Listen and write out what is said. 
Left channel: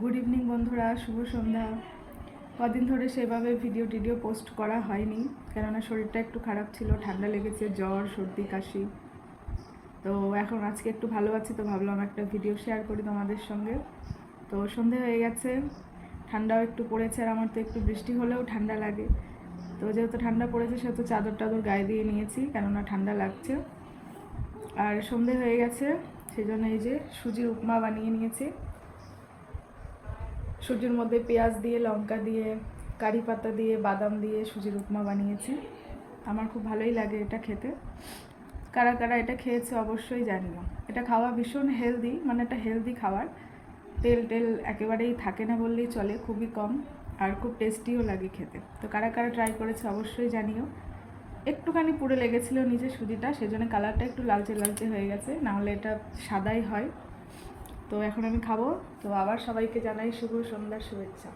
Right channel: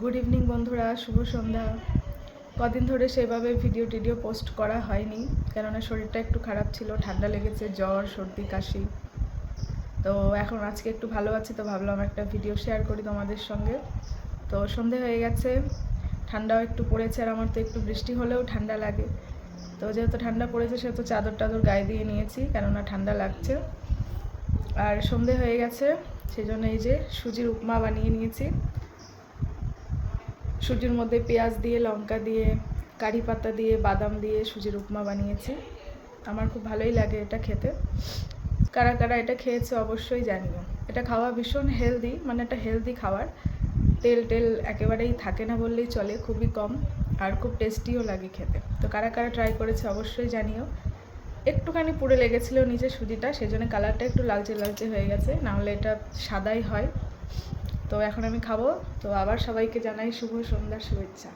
Good evening বন্ধুরা, শুভ সন্ধ্যা। কদিন ধরে সেভাবে ভিডিও পোস্ট করা হয়নি, কেননা শরীরটা একটু খারাপ ছিল, ঠান্ডা লেগেছে, জ্বর, সর্দি, কাশি। তো এখন আজকে একটু ভালো আছি, তো ভাবলাম একটা ভিডিও শেয়ার করি তোমাদের সঙ্গে। তো সন্ধে হয়ে গেছে, ঠান্ডাও একটু পড়েছে, আর আমার তো একটু বৃষ্টি হলেও ঠান্ডা লাগে। তো যেহেতু ঠান্ডা পড়েছে সেহেতু চাদর টাদর গায়ে দিয়ে নিয়েছি, কেননা ঠান্ডা লাগছে। আর সন্ধে হয়ে গেছে, সেই জন্য এই যে সুজির উপমা বানিয়ে নিয়েছি। সুজির মধ্যে পেঁয়াজ দিয়ে, লঙ্কা দিয়ে, কারি পাতা দিয়ে, বাদাম দিয়ে সুজির উপমা বানিয়েছি। আমার খুব ভালোই লাগে এটা খেতে। কারা কারা এটা খেয়েছে অবশ্যই জানিও। এটা খাওয়া ভীষণ হেলদি, মানে এটা হেলদি খাবার। তেল একেবারেই থাকে না বললেই চলে, খুবই কম, আর খুব টেস্টিও লাগে খেতে। তো কারা কারা ট্রাই করেছে অবশ্যই জানিও। একটুখানি পুড়ে লেগেছিলো নিচে সুজিটা, সেই জন্য কালারটা একটু লালচে হয়ে গেছে, নাহলে এটা সাদাই হয়। তো এখন আমি খাবো। তো আবার সবাইকে জানাই শুভ সন্ধ্যার শুভেচ্ছা।